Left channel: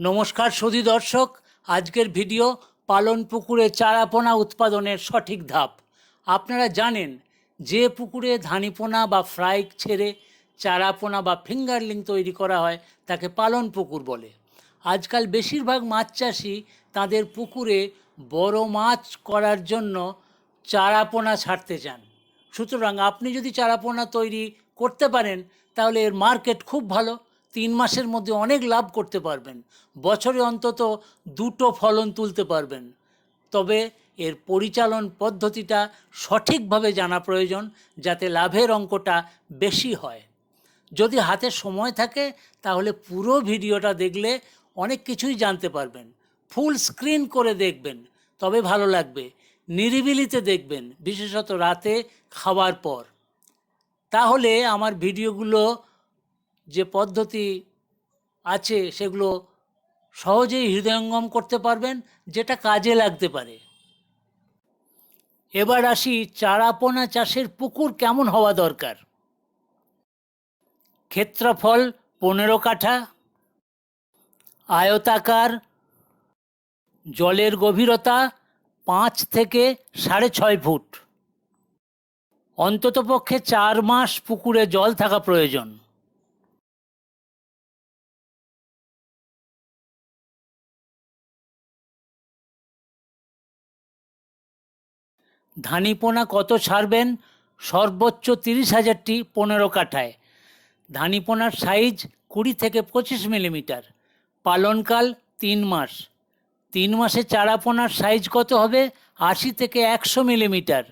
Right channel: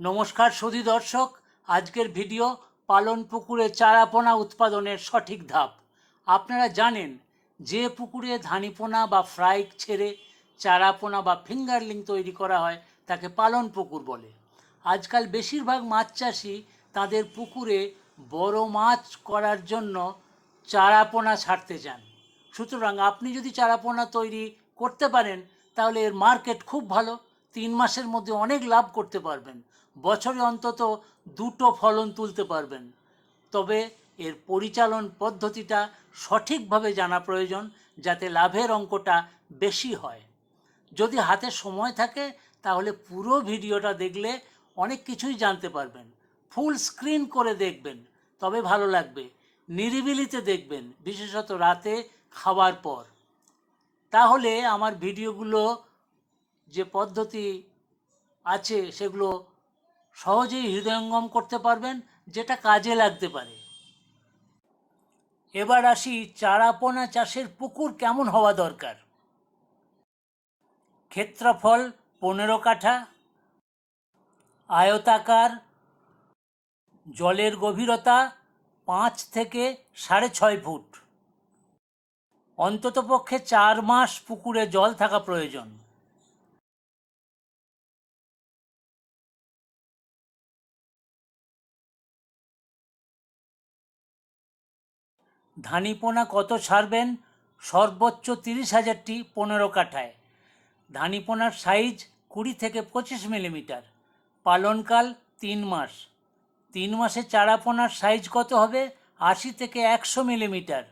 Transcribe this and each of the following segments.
নমস্কার সুধী দর্শক, আজকের ভিডিও পালন পুকুরে চারাপোনা উৎপাদনের সঠিক ধাপ। আপনারা জানেন যে পুকুরে ধানিপোনা বা ফ্রাই ছেড়ে চারাপোনা বা ফিঙ্গারলিং তৈরি করা হয় তাকে পালন পুকুর বলে। আজকাল বেশিরভাগ মাছ চাষি তাদের পুকুরে বড় মাছ করার জন্য চারাপোনা ছাড়তে চান। সুতরাং আপনি যদি চারাপোনা তৈরি করতে পারেন তাহলে এর মার্কেট খুব ভালো। 3 মাসের মধ্যে অনেক লাভ করতে পারবেন, বছরে অন্তত 2টো ফলন তুলতে পারবেন। তবে এর পরিচালন পদ্ধতিটা সঠিকভাবে জানা প্রয়োজন, যাতে লাভের অঙ্কটা বেশি হয়। যদি হাতে সময় থাকে তাহলে পুরো ভিডিওটা দেখলে অনেক কিছুই জানতে পারবেন। ফুল স্ক্রিন করে দেখবেন, তবে ভালো লাগবে। নিরিবিলিতে দেখবেন, বিশেষত রাতে খাওয়ার পর। তাহলে আমার ভিডিওগুলো যে পদ্ধতি আছে সেগুলো সহজেই হৃদয়ঙ্গম করতে পারবেন, যেটা কাজে লাগতে পারে। এবার আসি চারাপোনা চাষের পুকুর কেমন হওয়া দরকার। ক্ষেত্রফল 15 কাঠা, আয়তাকার, জলের গভীরতা 5 থেকে 6.5 ফুট, অন্ততপক্ষে 4 মাস পুকুরে জল থাকা প্রয়োজন। ধানিপোনা কত ছাড়বেন? সর্বোচ্চ 30,000টি 15 কাঠায়। ধানিপোনার সাইজ 20 থেকে 25 মিলিমিটার। পালনকাল 3 মাস। 3 মাসে চারাপোনার সাইজ কত হবে? 80 থেকে 100 মিলিমিটার।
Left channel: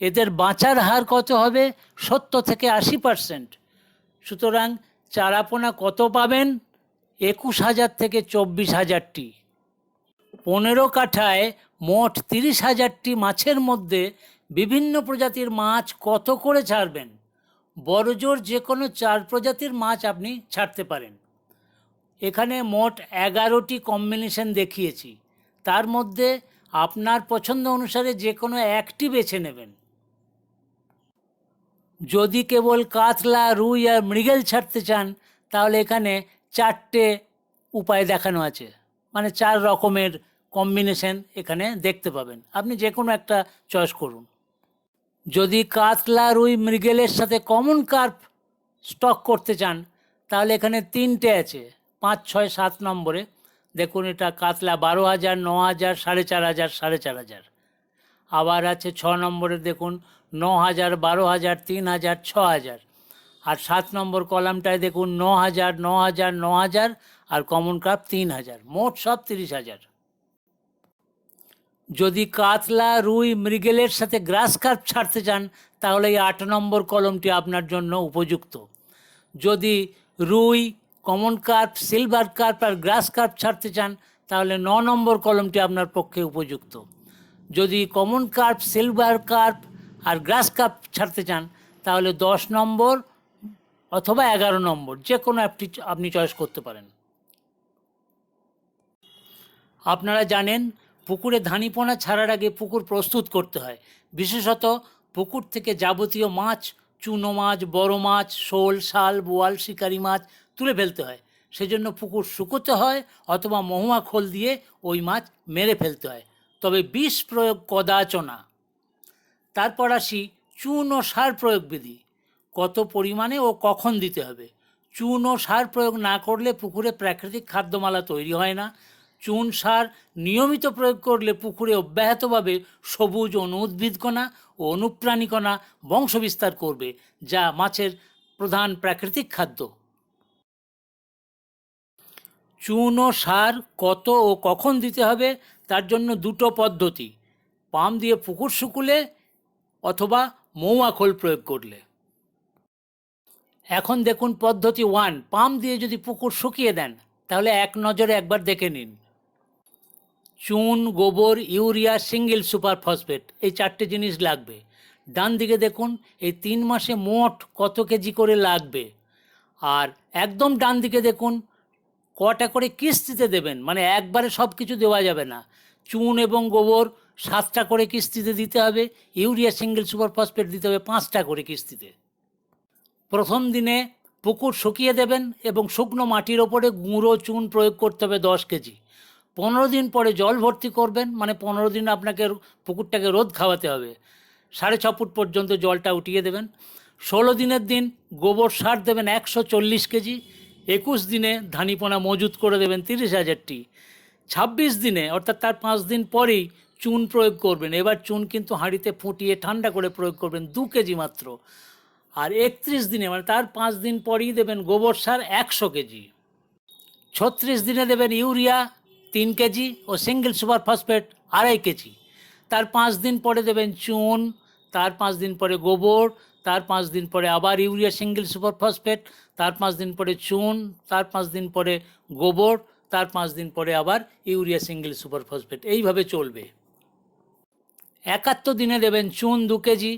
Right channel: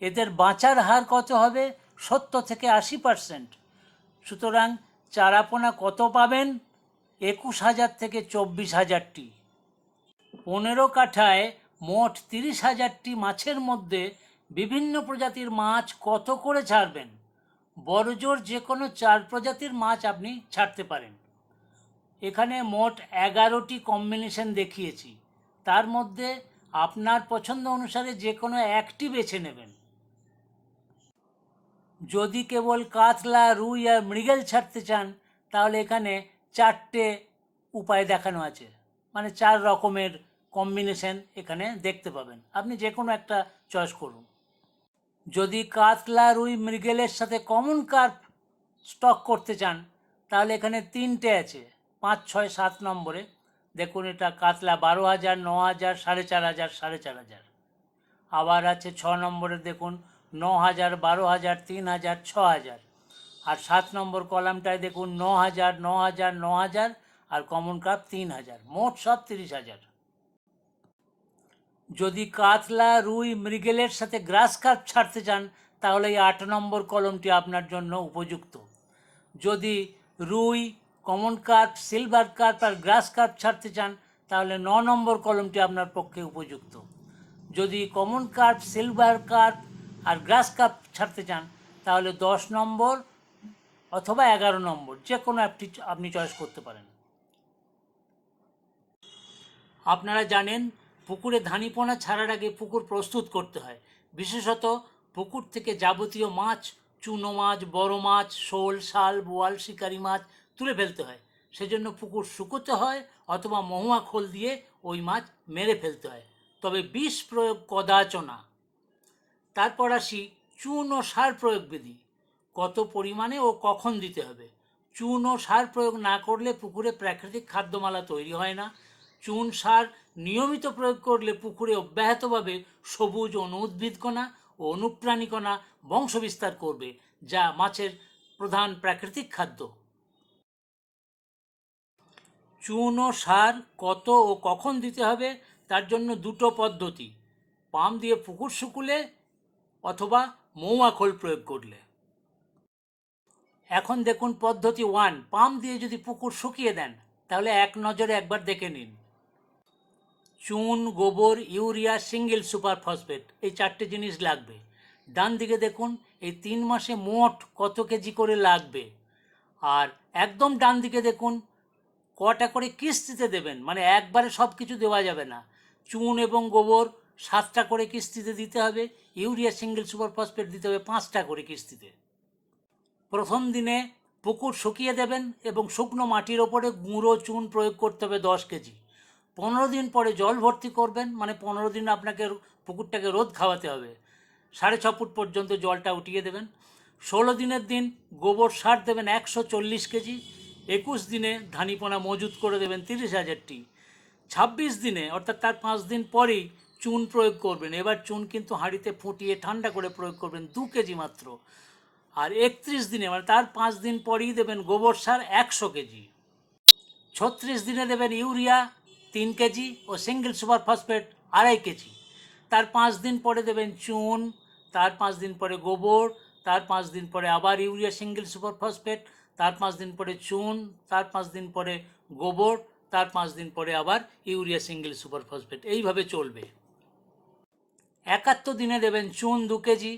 এদের বাঁচার হার কত হবে? 70 থেকে 80%। সুতরাং চারাপোনা কত পাবেন? 21,000 থেকে 24,000টি। 15 কাঠায় মোট 30,000টি মাছের মধ্যে বিভিন্ন প্রজাতির মাছ কত করে ছাড়বেন? বড়জোর যে কোনো 4 প্রজাতির মাছ আপনি ছাড়তে পারেন। এখানে মোট 11টি কম্বিনেশন দেখিয়েছি, তার মধ্যে আপনার পছন্দ অনুসারে যে কোনো একটি বেছে নেবেন। যদি কেবল কাতলা, রুই আর মৃগেল ছাড়তে চান তাহলে এখানে 4টে উপায় দেখানো আছে, মানে 4 রকমের কম্বিনেশন এখানে দেখতে পাবেন। আপনি যে কোনো একটা চয়েস করুন। যদি কাতলা, রুই, মৃগেলের সাথে কমন কার্প স্টক করতে চান তাহলে এখানে 3টে আছে, 5, 6, 7 নম্বরে। দেখুন, এটা কাতলা 12,000, 9,000, 4,500, 4,500। আবার আছে 6 নম্বরে, দেখুন 9,000, 12,000, 3,000, 6,000। আর 7 নম্বর কলামটায় দেখুন 9,000, 9,000, 9,000 আর কমন কাপ 3,000। মোট সব 30,000। যদি কাতলা, রুই, মৃগেলের সাথে গ্রাস কার্প ছাড়তে চান তাহলে এই 8 নম্বর কলমটি আপনার জন্য উপযুক্ত। যদি রুই, কমন কার্প, সিলভার কার্প আর গ্রাস কার্প ছাড়তে চান তাহলে 9 নম্বর কলমটি আপনার পক্ষে উপযুক্ত। যদি কমন কার্প, সিলভার কার্প আর গ্রাস কার্প ছাড়তে চান তাহলে 10 নম্বর অথবা 11 নম্বর, যে কোনো একটি আপনি চয়েস করতে পারেন। আপনারা জানেন পুকুরে ধানিপোনা ছাড়ার আগে পুকুর প্রস্তুত করতে হয়। বিশেষত পুকুর থেকে যাবতীয় মাছ, চুনো মাছ, বড় মাছ, শোল, শাল, বোয়াল, শিকারি মাছ তুলে ফেলতে হয়। সেজন্য পুকুর শুকোতে হয় অথবা মহুয়া খোল দিয়ে ওই মাছ মেরে ফেলতে হয়, তবে বিষ প্রয়োগ কদাচনা। তারপর আসি চুন ও সার প্রয়োগ বিধি। কত পরিমাণে ও কখন দিতে হবে? চুন ও সার প্রয়োগ না করলে পুকুরে প্রাকৃতিক খাদ্যমালা তৈরি হয় না। চুন সার নিয়মিত প্রয়োগ করলে পুকুরে অব্যাহতভাবে সবুজ অনুদ্ভিদকণা ও অনুপ্রাণীকণা বংশবিস্তার করবে, যা মাছের প্রধান প্রাকৃতিক খাদ্য। চুন ও সার কত ও কখন দিতে হবে তার জন্য 2টো পদ্ধতি: পাম্প দিয়ে পুকুর শুকুলে অথবা মৌয়া খোল প্রয়োগ করলে। এখন দেখুন পদ্ধতি 1। পাম্প দিয়ে যদি পুকুর শুকিয়ে দেন তাহলে এক নজরে একবার দেখে নিন। চুন, গোবর, ইউরিয়া, সিঙ্গেল সুপার ফসফেট, এই 4টে জিনিস লাগবে। ডান দিকে দেখুন এই 3 মাসে মোট কত কেজি করে লাগবে। আর একদম ডান দিকে দেখুন কটা করে কিস্তিতে দেবেন, মানে একবারে সব কিছু দেওয়া যাবে না। চুন এবং গোবর 7টা করে কিস্তিতে দিতে হবে, ইউরিয়া, সিঙ্গেল সুপার ফসফেট দিতে হবে 5টা করে কিস্তিতে। প্রথম দিনে পুকুর শুকিয়ে দেবেন এবং শুকনো মাটির ওপরে গুঁড়ো চুন প্রয়োগ করতে হবে 10 কেজি। 15 দিন পরে জল ভর্তি করবেন, মানে 15 দিন আপনাকে পুকুরটাকে রোদ খাওয়াতে হবে। 6.5 ফুট পর্যন্ত জলটা উঠিয়ে দেবেন। 16 দিনের দিন গোবর সার দেবেন 140 কেজি। 21 দিনে ধানিপোনা মজুত করে দেবেন 30,000টি। 26 দিনে অর্থাৎ তার 5 দিন পরেই চুন প্রয়োগ করবেন। এবার চুন কিন্তু হাঁড়িতে ফুটিয়ে ঠান্ডা করে প্রয়োগ করবেন 2 কেজি মাত্র। আর 31 দিনে মানে তার 5 দিন পরেই দেবেন গোবর সার 100 কেজি। 36 দিনে দেবেন ইউরিয়া 3 কেজি ও সিঙ্গেল সুপার ফসফেট 2.5 কেজি। তার 5 দিন পরে দেবেন চুন, তার 5 দিন পরে গোবর, তার 5 দিন পরে আবার ইউরিয়া সিঙ্গেল সুপার ফসফেট, তার 5 দিন পরে চুন, তার 5 দিন পরে গোবর, তার 5 দিন পরে আবার ইউরিয়া সিঙ্গেল সুপার ফসফেট। এইভাবে চলবে। 71 দিনে দেবেন চুন 2 কেজি।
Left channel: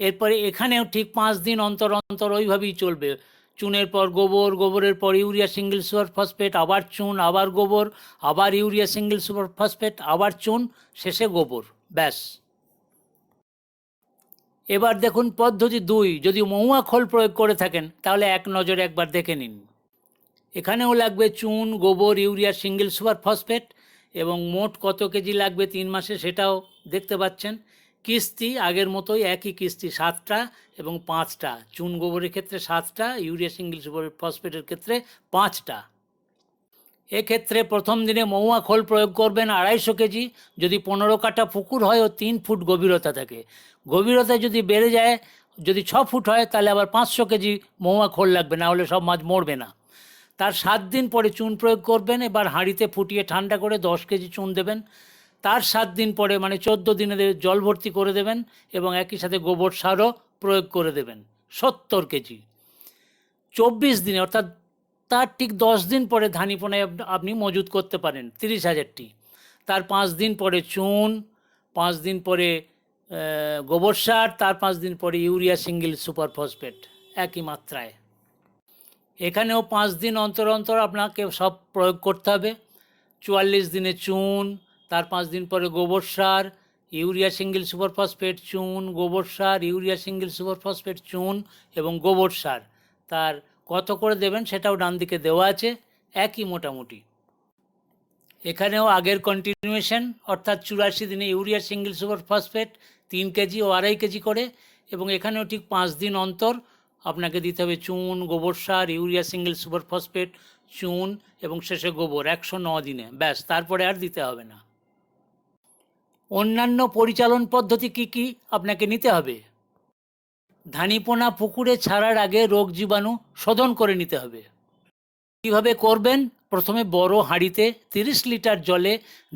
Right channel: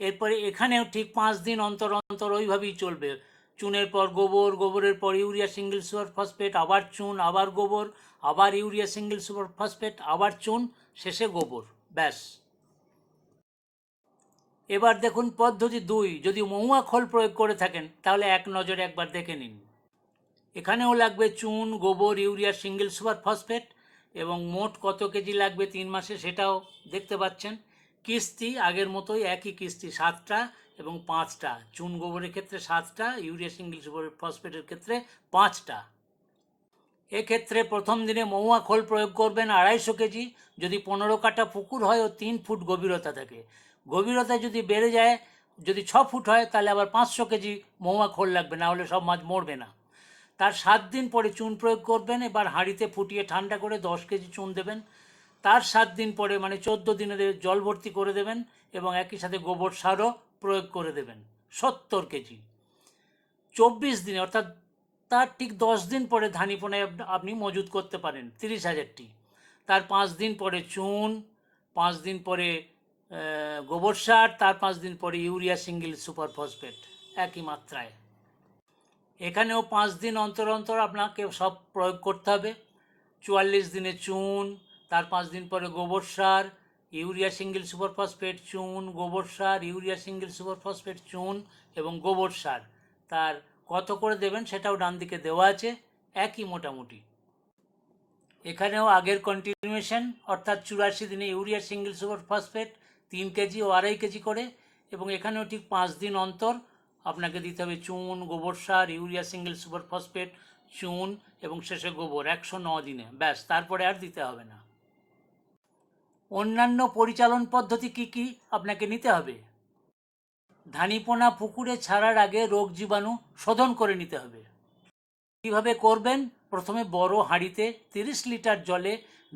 এরপরে এখানেও ঠিক 5 দিন অন্তর অন্তর ওইভাবেই চলবে। চুনের পর গোবর, গোবরের পর ইউরিয়া সিঙ্গেল সুপার ফসফেট, আবার চুন, আবার গোবর, আবার ইউরিয়া সিঙ্গেল সুপার ফসফেট, আবার চুন, শেষে গোবর। ব্যাস। এবার দেখুন পদ্ধতি 2। যদি মহুয়া খোল প্রয়োগ করে থাকেন তাহলে এক নজরে একবার দেখে নিন। এখানেও লাগবে চুন, গোবর, ইউরিয়া সিঙ্গেল সুপার ফসফেট এবং মোট কত কেজি লাগবে 3 মাসে সেটাও দেখতে পাচ্ছেন। কিস্তি আগের মতোই, একই কিস্তি 7টা এবং 5টা। চুন গোবরের ক্ষেত্রে 7টা, ইউরিয়া সিঙ্গেল সুপার ফসফেটের ক্ষেত্রে 5টা। এক্ষেত্রে প্রথম দিনে মহুয়া খোল প্রয়োগ করবেন 250 কেজি যদি 15 কাঠা পুকুর হয় ও 3 ফুট গভীরতা থাকে। গভীরতা যদি বেড়ে যায়, যদি 6 ফুট হয় তাহলে আবার 500 কেজি মহুয়া খোল লাগবে, না হলে সব মাছ মরবে না। তার 7 দিন পরে চুন প্রয়োগ করবেন। এবার হাঁড়িতে ফুটিয়ে ঠান্ডা করে 10 কেজি চুন দেবেন। তার 7 দিন পরে মানে 14 দিনে জল ভর্তি করে দেবেন এবং একই সাথে গোবর সারও প্রয়োগ করে দেবেন 70 কেজি। 24 দিনে অর্থাৎ তার ঠিক 10 দিন পরে ধানিপোনায় আপনি মজুত করতে পারেন 30,000টি। তার 5 দিন পরে চুন, 5 দিন পরে গোবর সার, তার 5 দিন পরে ইউরিয়া সিঙ্গেল সুপার ফসফেট একই মাত্রায়। এখানেও 5 দিন অন্তর অন্তর আপনাকে সব প্রয়োগ করতে হবে। 44 দিনে চুন, তার 5 দিন পরে গোবর সার, ইউরিয়া সিঙ্গেল সুপার ফসফেট, চুন, গোবর সার, ইউরিয়া সিঙ্গেল সুপার ফসফেট, চুন এবং গোবর সার। তার কত করে দেবেন সেটাও ডান দিকে দেওয়া আছে, একই মোটামুটি। এখানেও আগের কন্টিনিউয়েশন, অর্থাৎ 84 দিনে urea single super phosphate 3 KG ও 2.5 কেজি করে, এবং এখানেও ঠিক 5 দিন অন্তর আপনাকে দিতে হবে চুন, গোবর সার, ইউরিয়া সিঙ্গেল সুপার ফসফেট, চুন এবং শেষে গোবর 109 দিনে। ব্যাস, তারপরে আর দিতে হবে না। অন্যান্য পরিচালন পদ্ধতি কি কি আপনাকে নিতে হবে? ধানিপোনা পুকুরে ছাড়ার আগে রোগ জীবাণু শোধন করে নিতে হবে। কীভাবে করবেন? প্রথমে বড় হাঁড়িতে 30 লিটার জলে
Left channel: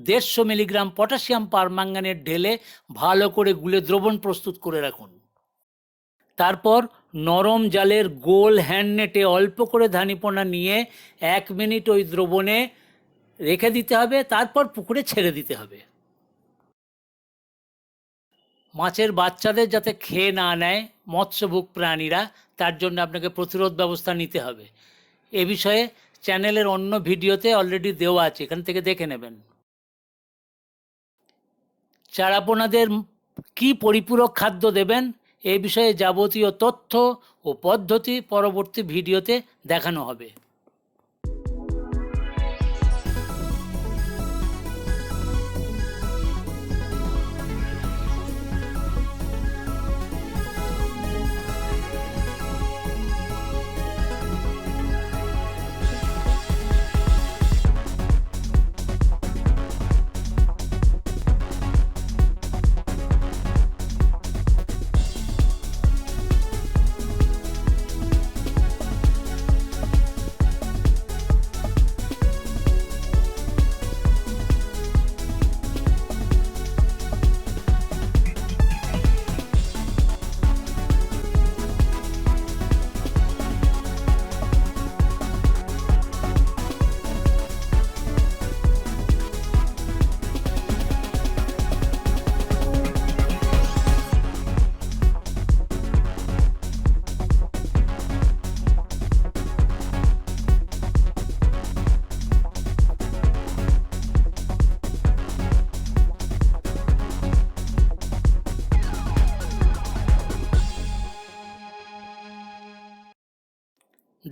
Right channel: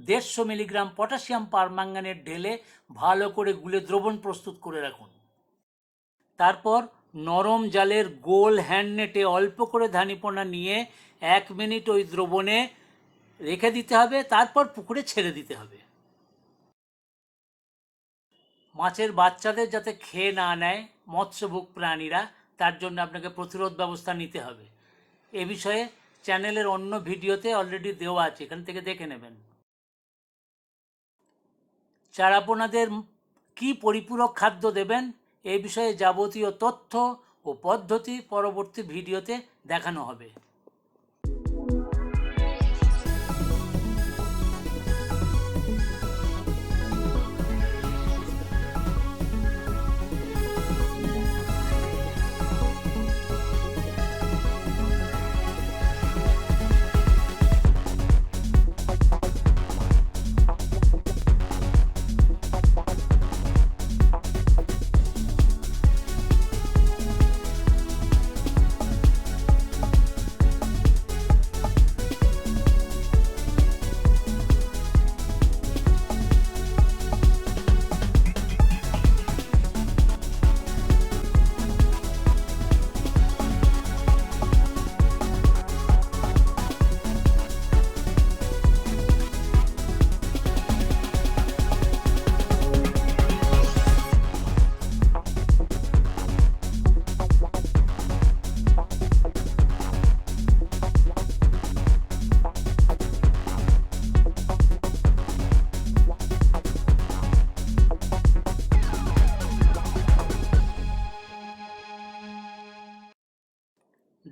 150 মিলিগ্রাম পটাশিয়াম পারম্যাঙ্গানেট ঢেলে ভালো করে গুলে দ্রবণ প্রস্তুত করে রাখুন। তারপর নরম জালের গোল হ্যান্ডনেটে অল্প করে ধানিপোনা নিয়ে 1 মিনিট ওই দ্রবণে রেখে দিতে হবে, তারপর পুকুরে ছেড়ে দিতে হবে। মাছের বাচ্চাদের যাতে খেয়ে না নেয় মৎস্যভোগ প্রাণীরা, তার জন্য আপনাকে প্রতিরোধ ব্যবস্থা নিতে হবে। এ বিষয়ে চ্যানেলের অন্য ভিডিওতে অলরেডি দেওয়া আছে, এখান থেকে দেখে নেবেন। চারাপোনাদের কি পরিপূরক খাদ্য দেবেন এ বিষয়ে যাবতীয় তথ্য ও পদ্ধতি পরবর্তী ভিডিওতে দেখানো হবে।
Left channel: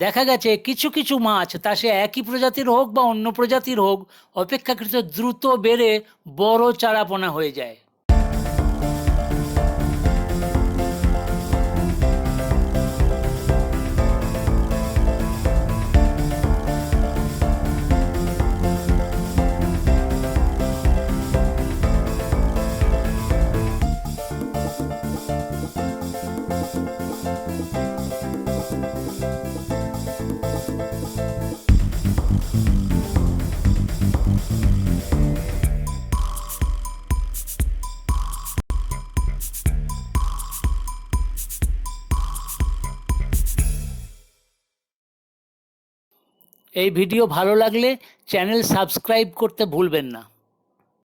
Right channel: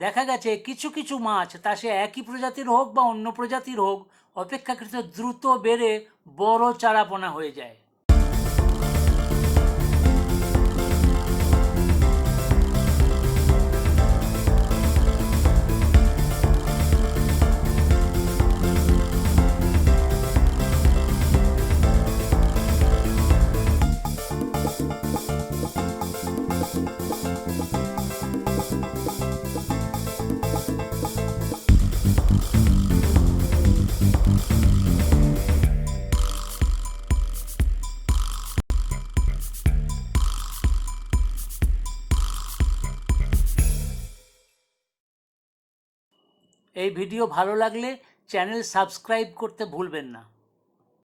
দেখা গেছে কিছু কিছু মাছ, তা সে একই প্রজাতির হোক বা অন্য প্রজাতির হোক, অপেক্ষাকৃত দ্রুত বেড়ে বড় চারাপোনা হয়ে যায়। এই ভিডিও ভালো লাগলে চ্যানেল সাবস্ক্রাইব করতে ভুলবেন না।